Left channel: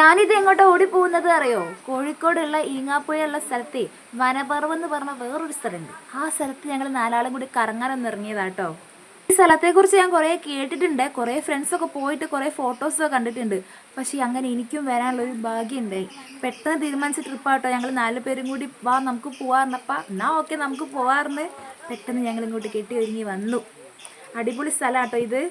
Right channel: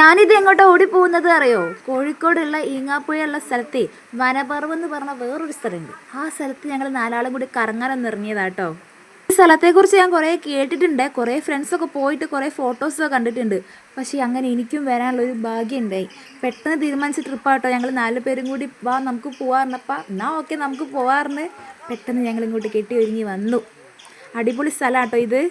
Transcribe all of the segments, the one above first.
ഞാനിത് എങ്ങോട്ടാ ഓടിപ്പോകുന്നത് അറിയോ? കോഴിക്കോടുള്ള ഈങ്ങാപ്പുഴയുള്ള സ്ഥലത്തെ വനപർവ്വം എന്ന് പറഞ്ഞ വേറൊരു സ്ഥലമുണ്ട്. ആ സ്ഥലത്ത് ഞങ്ങൾ നാലാളും കൂടി കറങ്ങാനൊന്ന് ഇറങ്ങിയതാട്ടോ. ഈ സ്ഥലത്തെക്കുറിച്ച് ഞാൻ കുറേ കേട്ടിട്ടുണ്ട്, കുറേ ഫ്രണ്ട്സൊക്കെ പോയിട്ട് കുറേ ഫോട്ടോസൊക്കെ കണ്ടിട്ടുണ്ട്. പക്ഷേ അങ്ങനെ എനിക്കും വരാനുള്ളൊരു ഭാഗ്യം ഉണ്ടായി. പെട്ടെന്ന് തീരുമാനിച്ച ട്രിപ്പാട്ടോ. ഞങ്ങൾ 4 പേരും കൂടി വാ നമുക്ക് പോവാറിനപ്പം എന്നാൽ ഓക്കെ നമുക്ക് പോവാറിന് പെട്ടെന്ന് ഞങ്ങൾ ഇങ്ങോട്ട് കെട്ടി ഒരുങ്ങി വന്നു. അടിപൊളി സ്ഥലമാട്ടോ ഇത്.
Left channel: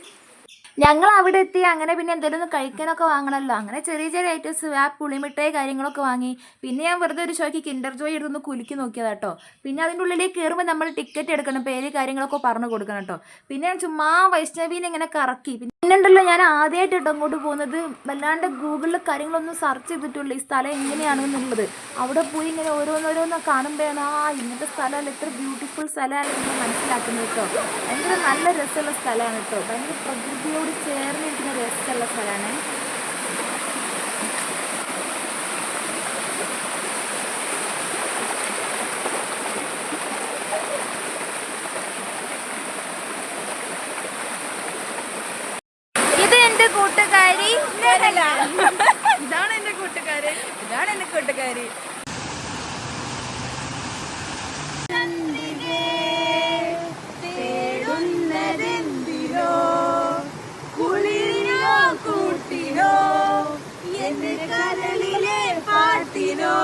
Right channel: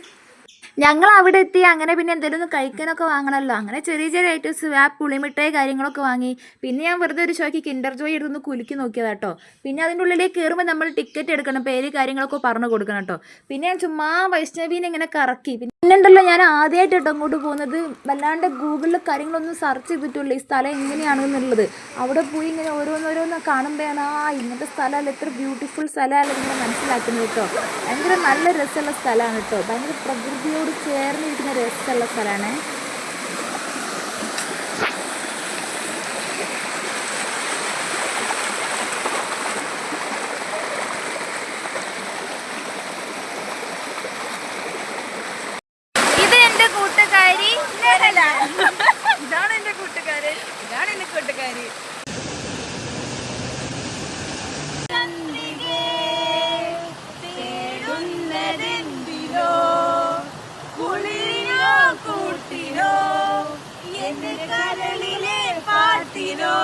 ഞങ്ങൾ അവിടെ എത്തി. അങ്ങനെ പിന്നെ എന്തെങ്കിലും ഒന്ന് കഴിക്കാനൊക്കെ വാങ്ങണമല്ലോ. അങ്ങനെ ചെറിയ ചെറിയ ഐറ്റംസ് ആ പുളിമിഠായി കാര്യങ്ങളൊക്കെ വാങ്ങി. പിന്നെ ഞാൻ വെറുതെ ഒരു ഷോയ്ക്ക് കിൻഡർ ജോയ് എടുത്തൊന്ന് കുലുക്കി നോക്കിയതാട്ടോ. പിന്നെ അതിൻ്റെ ഉള്ളിലേക്ക് കയറുമ്പോൾ നമ്മൾ ടിക്കറ്റ് എടുക്കണം, പേര് കാര്യങ്ങളൊക്കെ പറഞ്ഞു കൊടുക്കണം കേട്ടോ. പിന്നെ ഞാൻ ചുമ്മാ വൈഷ്ണവീനെ ഇങ്ങനെ കറക്കി. പിന്നെ ഉണ്ടല്ലോ, ഞാൻ ആദ്യമായിട്ട് കേട്ടോ അങ്ങോട്ട് പോകുന്നത്. വല്ലാണ്ട് ഗൂഗിളിൽ കാര്യങ്ങളൊന്നും സെർച്ച് ചെയ്തിട്ടുള്ളൂ ഈ സ്ഥലം എങ്ങനെയാണെന്നുള്ളത്. അവിടെ പോയി ഇങ്ങനെ ഓരോന്നോരോന്ന് കാണുമ്പോഴാണ് ഇങ്ങനത്തെ സ്ഥലമല്ല, ഇത്ര ബ്യൂട്ടിഫുൾ സ്ഥലമല്ല നിങ്ങൾ മനസ്സിലാക്കുന്നത് കേട്ടോ. ഭയങ്കര നല്ല രസമുള്ള സ്ഥലമാണ് കേട്ടോ. ഭയങ്കര പ്രകൃതിയോട് ചേർന്നിരിക്കുന്ന രസമുള്ള സ്ഥലമാണ്. ഇത് എൻ്റെ കൂട്ടുകാരി നെഹല. ഇതാണ് എൻ്റെ കൂട്ടുകാരൻ, ഇതാണ് എൻ്റെ കൂട്ടുകാരി. കൂട്ടിനോ എന്റെ കരളിലെ പാട്ടിനോ.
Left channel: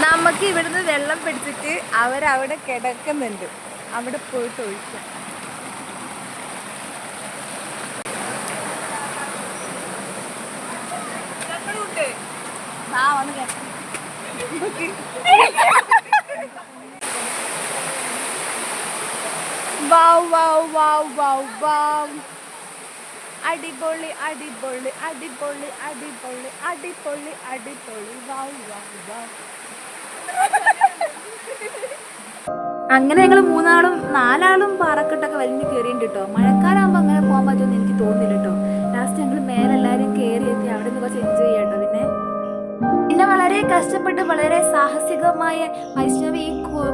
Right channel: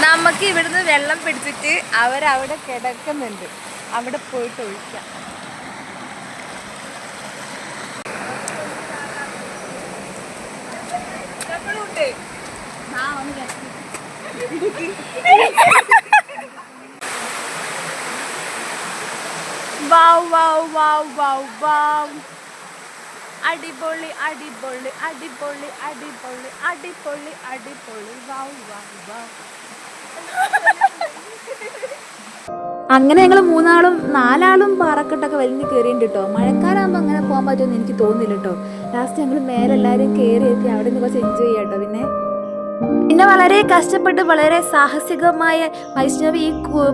നമുക്ക് ഇവിടുന്ന് വെള്ളം പിടിച്ചിട്ട് അവരവിടെ കിടക്കുന്നുണ്ട്, അവിടെ പോയിട്ട് ഒഴിക്കാം. അടിപൊളി അടിപൊളി അടിപൊളി അടിപൊളി അടിപൊളി അടിപൊളി. അങ്ങനെ ഞങ്ങൾ 4 പാറക്കെട്ടൊക്കെ വലിഞ്ഞ് കയറിയിട്ടുണ്ട് കേട്ടോ. മഴക്കാലാകുമ്പോൾ അങ്ങനെ പോകാൻ പറ്റുമെന്ന് എനിക്ക് തോന്നുന്നില്ല കേട്ടോ. ലാസ്റ്റ് ഞങ്ങൾ മേലെ എല്ലാവരും കയറി എത്തി. അവിടെ നിന്ന് കുറച്ച് എൻജോയ് ചെയ്യാം കേട്ടോ. പിന്നെ വളരെ കഷ്ടപ്പെട്ട് വളരെ സാഹസികമായ വൈഷ്ണവി ഈ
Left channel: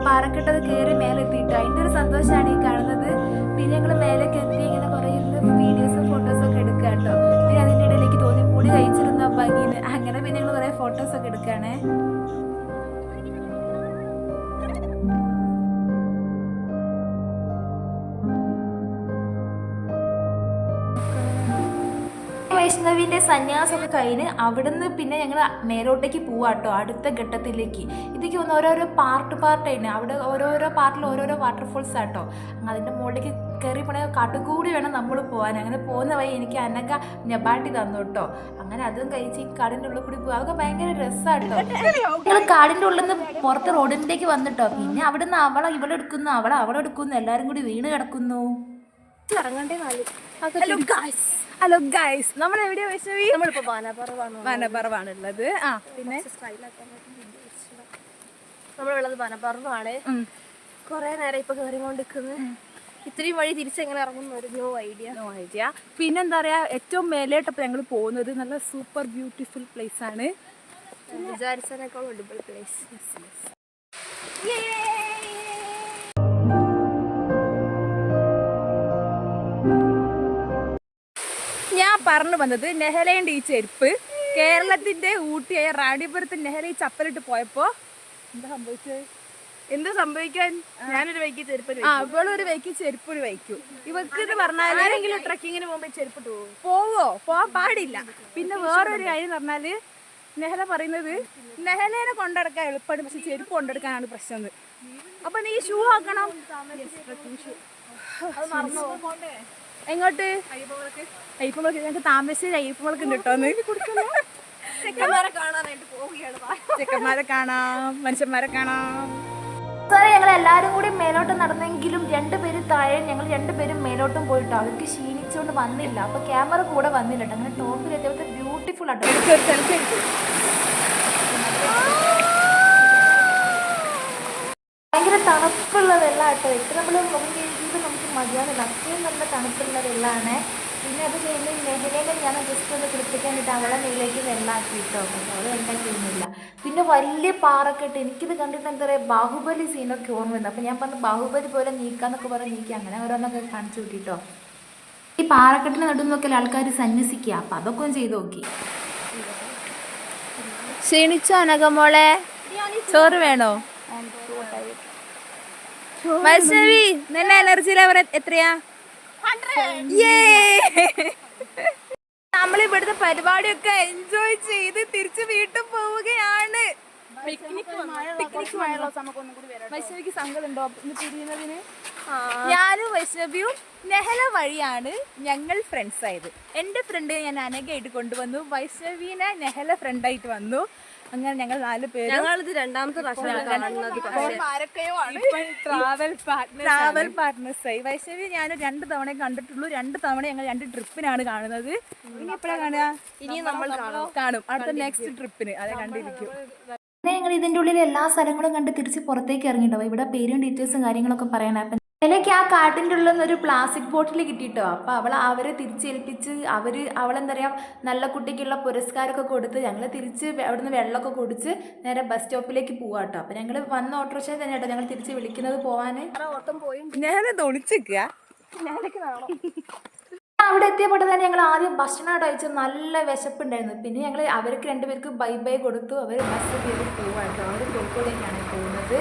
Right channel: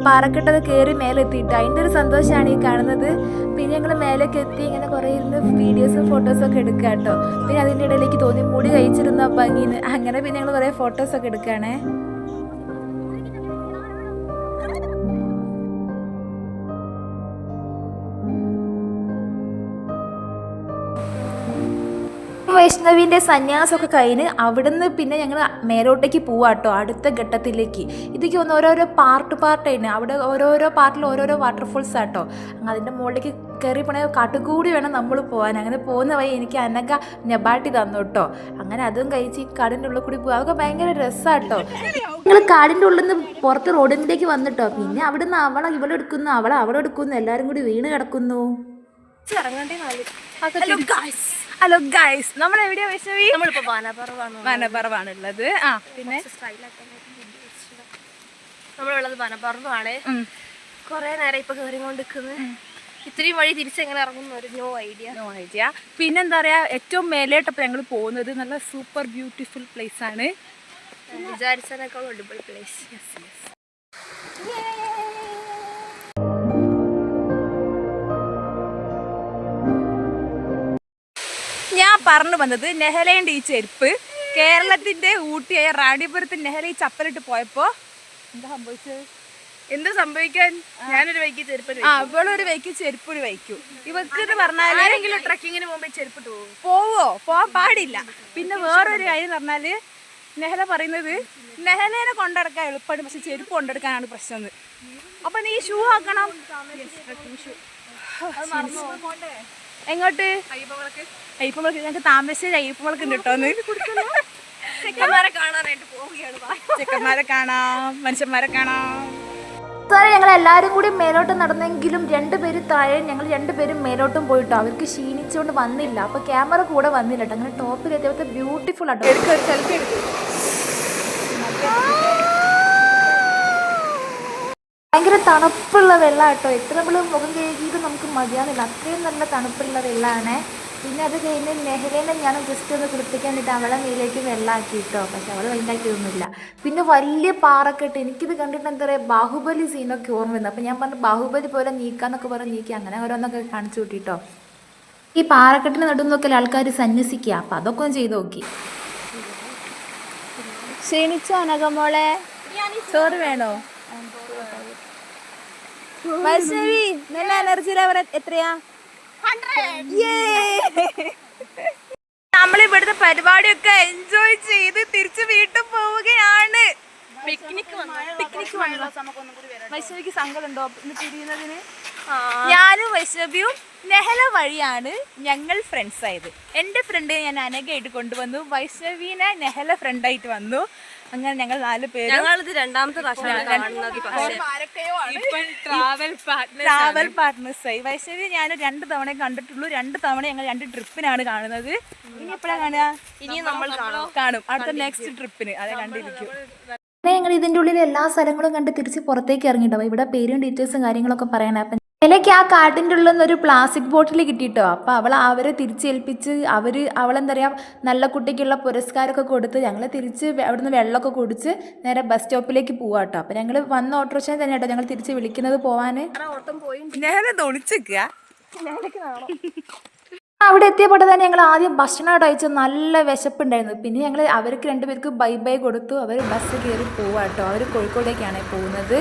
പാറക്കെട്ടൊക്കെ കയറി മേലെ എത്തിയിട്ട് അതിൻ്റെ ഒരു സന്തോഷമാണ് ഈ കാണുന്നത്. പിന്നെ ഞങ്ങൾ മേലേക്ക് എത്തി ഇങ്ങനെ കുറേ ഇരുന്ന് വീഡിയോസും ഫോട്ടോസൊക്കെ എടുക്കുക കേട്ടോ. പിന്നെ അതിൻ്റെ ഇടയിലേക്ക് തോന്നി മുടി കഴിച്ചിരുന്ന ഭംഗിന്ന്. അങ്ങനെ പിന്നെ ഞങ്ങൾ കുറേ ഫോട്ടോസൊക്കെ എടുക്കുകയാണേ. വൈഷ്ണവിൻ്റെ സന്യാസമൊക്കെ കഴിഞ്ഞ് അവിടുന്ന് പിന്നെ ഞങ്ങൾ മേലോട്ടേക്ക് പോവാട്ടോ, അടുത്ത ഘട്ടത്തിലേക്ക്. ഇതൊക്കെ ഒന്ന് ഓരോരോ പാർട്ടായിരുന്നു. അവിടെ ഓരോരോ പാർട്ടിൽ ഓരോരോ വാട്ടർഫോൾസ് ആട്ടോ. അതിൻ്റെ മുകളിലേക്ക് കയറി പോണ കാട്ടുകൂടി വേണം നമ്മൾ പോകാൻ. അങ്ങനെ പോകുന്ന വഴി എനിക്ക് അനക നെബാട്ടി തന്നു കേട്ടോ. അങ്ങനെ അതും കഴിച്ച് കാടിൻ്റെ ഉള്ളിൽ കൂടി പോകുക. അതൊക്കെ ഭയങ്കര രസമാട്ടോ. ഞങ്ങൾ കാടിൻ്റെ ഉള്ളിൽ നിന്ന് പുറത്ത് റോഡിലേക്ക് വന്നിട്ടോ. പിന്നെ അവിടുന്ന് അവളെ ഇവളെടുക്കുന്നു, അവളെ എടുക്കുന്നു, എല്ലാവരും കൂടി വീണ് കിടക്കുന്നു. ഹലോ ഗൈസ്, നമ്മൾ എവിടെയാ വൈഷ്ണവി? നമ്മളിപ്പോ വനപർവാണുള്ളത്. പിന്നെ നമ്മളുള്ളത് വനപർവാണ്. കൊറേ നേരം ഇപ്പൊ കയറിക്കൊണ്ടിരിക്കുന്നത്. ഇത്രയും വഴി തിരിച്ചെങ്ങനെ ഇറങ്ങുന്ന ഒരു നോ ഐഡിയ. പിന്നെന്താ പറയാ, ഏറ്റവും മേലേട്ടപ്പോൾ ഞങ്ങൾ പോകുന്നത് നല്ല സൂപ്പർ ബ്യൂട്ടിഫുൾ പ്ലേസ് ആണ്. വിചാരിച്ചതിനേക്കാളും അടിപൊളി പ്ലേസ്. ഞാൻ പറഞ്ഞു വന്നത് നെഹലയുടെ ഈ ചെരുപ്പ് കേരളത്തിന്റെ ഊട്ടിയായ റാണിപുരത്ത് നെഹല ഈ ചപ്പലിട്ട് പോയപ്പോ എന്താ സംഭവിച്ചത്? എന്ത് സംഭവിക്കാൻ? ഞാനൊരു വൈക്ക് ചെരുപ്പ് ഇവളൊരു വൈക്ക് ചെരുപ്പൊരു വയ്ക്കും. ഇവക്ക് എന്ന് പറഞ്ഞാല് ആരെങ്കിലും ട്രക്കിങ്ങിന് പോകുമ്പോ ചെരുപ്പിട്ട് പോവാൻ പാടില്ല. പിന്നെ വേറൊരു കാര്യം എന്ന് പറഞ്ഞാല് നെഹല പറയുന്നത് നെഹലേനെ കൊണ്ടെടുക്കാൻ എളുപ്പമാണ്, പക്ഷെ ചെരുപ്പ് കൊണ്ടെടുക്കാനാണ് പ്രശ്നം. അപ്പൊ നീ ഷൂ ആക്കണം. എങ്ങോട്ട്? അയ്യപ്പമുളക്ക്. ഞങ്ങൾക്ക് താമരശ്ശേരി അയ്യപ്പമുളക്ക് ഉണ്ട് കേട്ടോന്ന്. ചെക്കന്മാരെ കാണാം, മനുഷ്യന്മാരെ കാണാം. സാറേ, ഞങ്ങൾ എല്ലാവരും കൂടി മേലോട്ട് നടന്നെങ്കിലും 2 പേര് താഴെ, ഞങ്ങൾ 2 പേരും മേലോട്ടും പോയിട്ടോ. അവർക്ക് ക്ഷീണിച്ചുകൊണ്ട് വന്നില്ല, അപ്പോൾ ക്യാമറ കൂടെ വന്നില്ല കേട്ടോ. അങ്ങനെ ടോപ്പിൽ എത്തിയപ്പോൾ ബ്യൂട്ടിഫുൾ ആട്ടോ. തണുപ്പുള്ള വെള്ളം കേട്ടോ. എത്ര നമ്മൾ മുഖം കഴുകിയിട്ട് നമുക്ക് മതിയാവില്ല, അത്രയും നല്ല തണുപ്പുള്ള വെള്ളമാണ്. പിന്നെ അത് കഴിഞ്ഞ് നെഹ്ലേനെ ഞാൻ ജസ്റ്റ് ഒന്ന് കുളിപ്പിക്കാൻ വേണ്ടിയിട്ട് അവളെ മേലേക്ക് വെള്ളമാക്കി കേട്ടോ. പക്ഷെ അവൾ വെള്ളമാക്കിയൊന്നുമില്ല. പിന്നെ വലിയ പാറക്കെട്ട്, എനിക്കിത് കണ്ടിട്ട് എന്താ പറയുക, ബാഹുബലി സീനൊക്കെ ഓർമ്മ വരുന്നത്. അപ്പോൾ ഞാൻ പറഞ്ഞു ബാഹുബലി പോലെ നീക്കാന്നൊക്കെ പറഞ്ഞ് നീക്കി, അങ്ങനെ ഓരോന്നൊക്കെ കാണിച്ചു കൂട്ടിട്ടോ. ഈ പാറക്കെട്ടിന് നടുന്നൊക്കെ ആൾക്കാർ സന്യസിക്കുക, അപ്പം അതൊക്കെ ഒന്ന് ചെയ്ത് നോക്കി. ക്ഷീണിച്ചോ അനഘമോളെ? ചോറ് വേണോ? വൈഷ്ണവി, നല്ല എനർജി ലെവൽ എത്രയാ? നമ്മൾ ഇവിടുത്തെ പരിപാടിയൊക്കെ എൻജോയ് ചെയ്ത് തിരിച്ച് വീട്ടിൽ പോവുകയാണ്. വൈഷ്ണവിക്ക് സങ്കടം ഉണ്ടോ ഇന്ന് പിരിയുന്നതിന്? ഞാനും വൈഷ്ണവിയും നെഹല വഴിയാണ് ഞങ്ങൾ ഫ്രണ്ട്സ് ആയത്. എൻ്റെ ഫ്രണ്ട് ഞാൻ അനഘയായിട്ട് കൊണ്ടുവന്നു, വൈഷ്ണവീനെ നെഹല ഫ്രണ്ടായിട്ട് വന്നു. അങ്ങനെ ഞങ്ങൾ 4 പേര്. ഞങ്ങളിത് രണ്ടാമത്തെ പ്രാവശ്യമാണ് കാണുന്നത്. ട്രാവൽ പാർട്ട്നേഴ്സായി. വൈഷ്ണവി ഞാൻ 2 തവണ കണ്ടിട്ടുള്ളൂ. 2 തവണ ഞങ്ങൾ 2 ട്രിപ്പിനാണ് കാണുന്നത്. ഇനി എപ്പോഴാണ് കാണുക? ഇനി നമ്മൾ കാണും അടുത്ത നെക്സ്റ്റ് ട്രിപ്പിന്. അതെ, കണ്ടിരിക്കും. ഞങ്ങൾ ഇതിൻ്റെ ഉള്ളിൽ എല്ലാ സ്ഥലങ്ങളും കണ്ട് തിരിച്ച് പുറത്തേക്ക് ഇറങ്ങിയിട്ടുണ്ടാവും. ഇവിടെ പേരും ഡീറ്റെയിൽസും കാര്യങ്ങളൊക്കെ പറയണം. അപ്പം ഇതിലേക്ക് ആ കാട്ടിൻ്റെ ഉള്ളിൽ നിന്ന് ഒരു പ്ലാസ്റ്റിക് ബോട്ടിൽ കിട്ടിയിട്ടോ. അപ്പോൾ അവരെ തിരിച്ചേൽപ്പിച്ച് അവളെന്താ പറയുക, നല്ല കുട്ടിക്കുള്ള പുരസ്കാരമൊക്കെ കൊടുത്ത് ഞങ്ങൾ തിരിച്ച് അവിടുന്ന് വെള്ളമൊക്കെ കുടിച്ച് നേരെ ബസ് സ്റ്റോപ്പിലേക്ക് പോവാം കേട്ടോ. അപ്പോൾ ഞങ്ങൾ വന്ന ഓട്ടോറിക്ഷ തന്നെ കേട്ടോ ഞങ്ങൾ തിരിച്ച് വിളിക്കുന്നത് പോവാൻ. അവിടെ എത്തിയപ്പോൾ തന്നെ ഞങ്ങൾ ആദ്യം ഭക്ഷണം കഴിച്ചു. നല്ല വിശപ്പുണ്ടായിരുന്നു. പിന്നെ ഞങ്ങൾ അവർക്ക് 2 പേർക്ക് ബൈ ബൈ കൊടുത്തു. അവർ ബസ് കയറി പോവാം കേട്ടോ. അവർ കോഴിക്കോടേക്കാണ് പോകുന്നത്.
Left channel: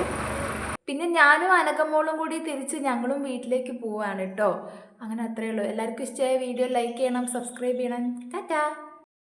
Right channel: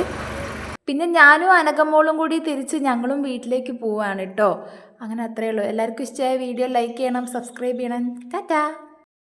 പിന്നെ ഞാനും അനഘമോളും കൂടി തിരിച്ച് ഞങ്ങളും വീട്ടിലേക്ക് പോവാണ് കേട്ടോ. അങ്ങനെ അത്രയേ ഉള്ളൂ. എല്ലാവർക്കും ഇഷ്ടമായ വീഡിയോ ലൈക്ക് ചെയ്യണം, സബ്സ്ക്രൈബ് ചെയ്യണം. ടാറ്റാ.